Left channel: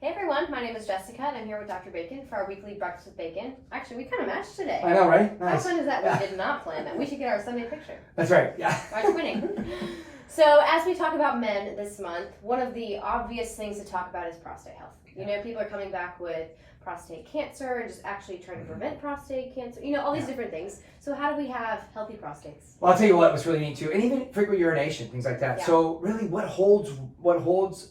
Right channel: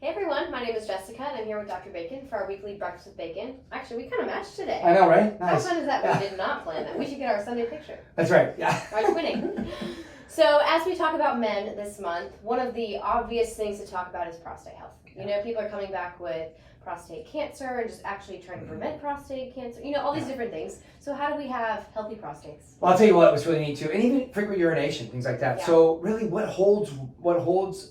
Hey everyone, my name is Jessica and I'm here with Dr. Bacon for our weekly Breakfast with Bacon. Actually, we kind of matched today. I know, right? Nice. How fun is that? We did not plan that. We should get our Sunday picture. That's right, yeah. Our twinning. So as we talk about men this month, one of the obvious things to talk about is prostate health. You know, people are coming back with prostate cancer and just actually trying to prevent prostate cancer, you know, all these different things. So how do we have healthy prostates? Well, I'll tell you what was really neat too, and even frequent urination, things like that. Yeah. So really what holds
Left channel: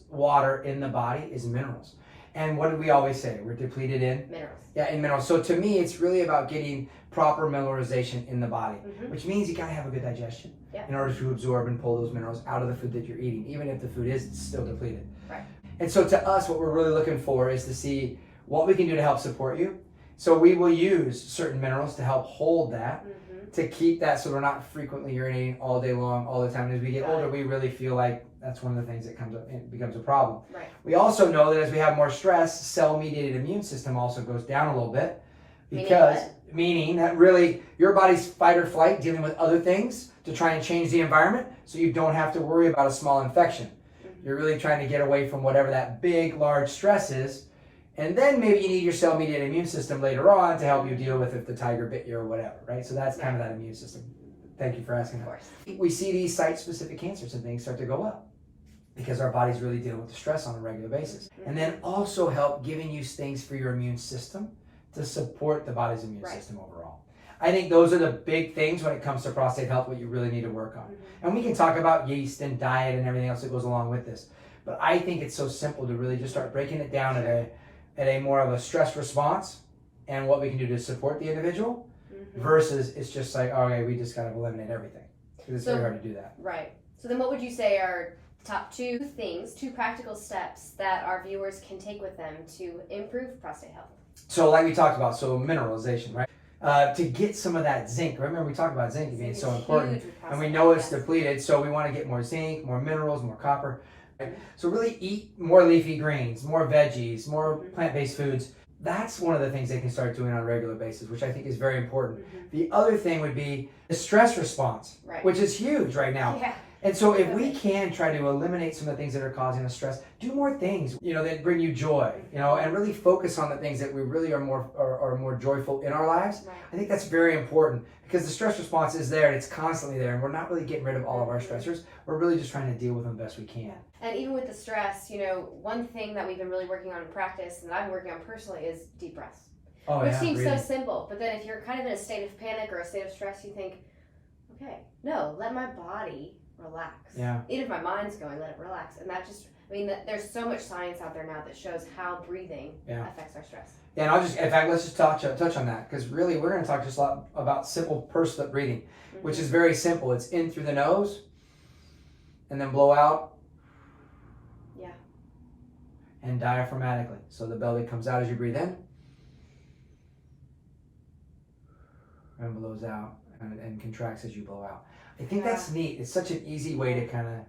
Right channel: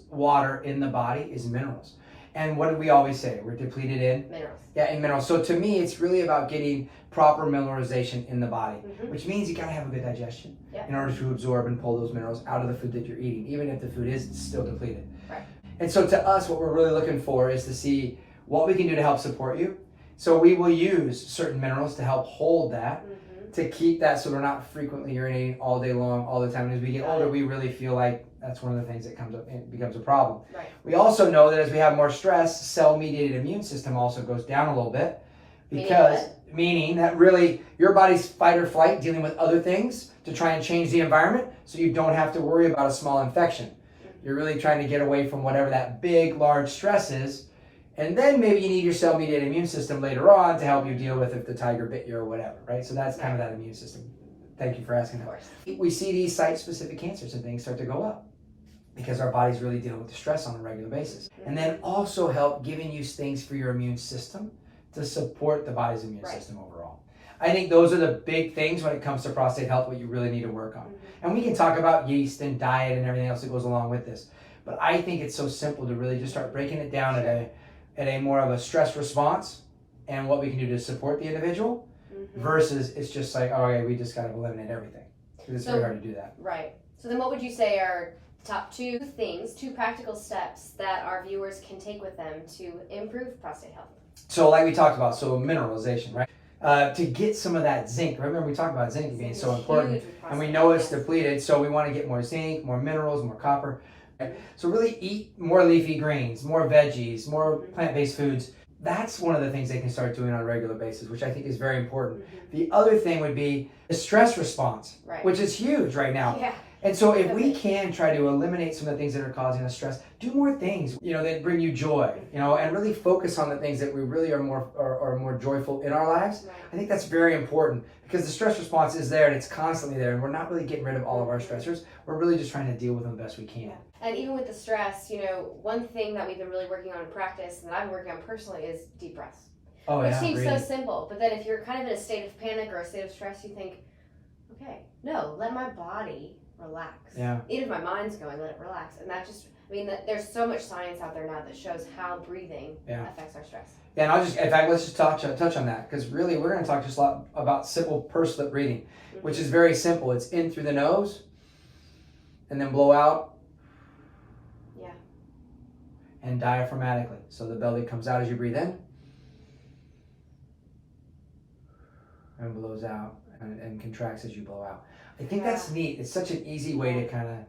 water in the body is minerals. And what do we always say? We're depleted in? Minerals. Yeah, in minerals. So to me, it's really about getting proper mineralization in the body, Mm-hmm. which means you got to have a good digestion Yeah. in order to absorb and pull those minerals out of the food that you're eating, even if the food is still depleted. Right. And so to us, what we're really looking for is to see what we can do to help support you. So we will use certain minerals to help hold that, to keep that so we're not frequently urinating all day long, all the time. And as we get older, we really feel like that's one of the things that comes up and becomes a problem. Right. We also know that as we have more stress, cell-mediated immune system also goes down a little bit. Because, meaning that really your body's fight or flight dealing with other things to try and change the environment so you don't have to worry about a small infection. You're really trying to get away from whatever that big, large stress is. And then maybe you need your cell-mediated immune system later on to help you deal with if the tiger bit you or whatever, right? So that's kind of that immune system. Thank you for asking that. We see these site-specific cancers and things start to go up because our body's really dealing with the stress on a regular basis. And then also help giving you things for your immune system to support the body's immune system overall. I think those are the big things when it comes to prostate health, what you really need to work on. And we can talk about yeast and diet and everything else that goes along with this. But I think it's so simple to really just start breaking it down at a more of a stress response and what we can do to support the individual versus it's just like, okay, we just got to eliminate everything. Because it's very hard to do that. Right. So then what would you say are top two practical steps that our viewers can take with them to improve prostate health? So like we talked about, so mineralization, right? To get some of that zinc. Remember we talked about zinc being so important. And we know it's depleted, so we want to get more zinc, more minerals, more copper. So really eat more leafy greens, more veggies, more plant-based foods. That's one of the things they can start doing on a regular basis, which I think is very important. The other thing would be the stress response, which is huge right now. Yeah. And so if we can try to eliminate some of the things that are causing us stress, do more things, you know, that bring you joy, you know, and really focus on the things that we really are more joyful in our lives. I think that's very important because the stress response is there and it's constantly there and we're not really getting rid of all of our stressors. We're really just trying to deal with them the best we can. And even with the stress, you know, one thing that we've been really working on in practice and I've been working on personally is deep breaths. Which seems so simple, but then if you're kind of in a state of panic or a state of stress, you think, okay, no, let my body relax. Yeah. Even if my mind's going, let it relax. And that just, I mean, there's so much science out there now that shows how breathing affects our stress. Yeah, and in fact, let's just touch on that because really we're going to talk just a lot about simple pursed lip breathing, which is very simple. It's in through the nose and then blow out. Yeah. And diaphragmatically. So the belly comes out as you breathe in and blows out and contracts as you blow out. I think that's neat. It's such an easy way to kind of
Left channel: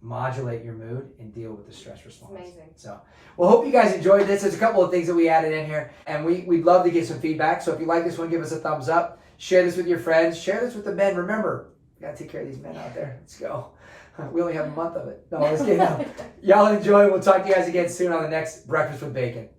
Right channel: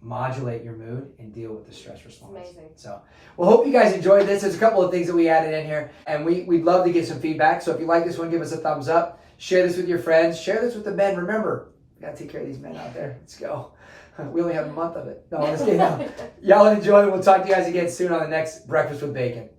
modulate your mood and deal with the stress response. It's amazing. So, well, hope you guys enjoyed this. There's a couple of things that we added in here, and we'd love to get some feedback. So if you like this one, give us a thumbs up. Share this with your friends. Share this with the men. Remember, we got to take care of these men out there. Let's go. We only have a month of it. No, let's get on. Y'all enjoy. We'll talk to you guys again soon on the next Breakfast with Bacon.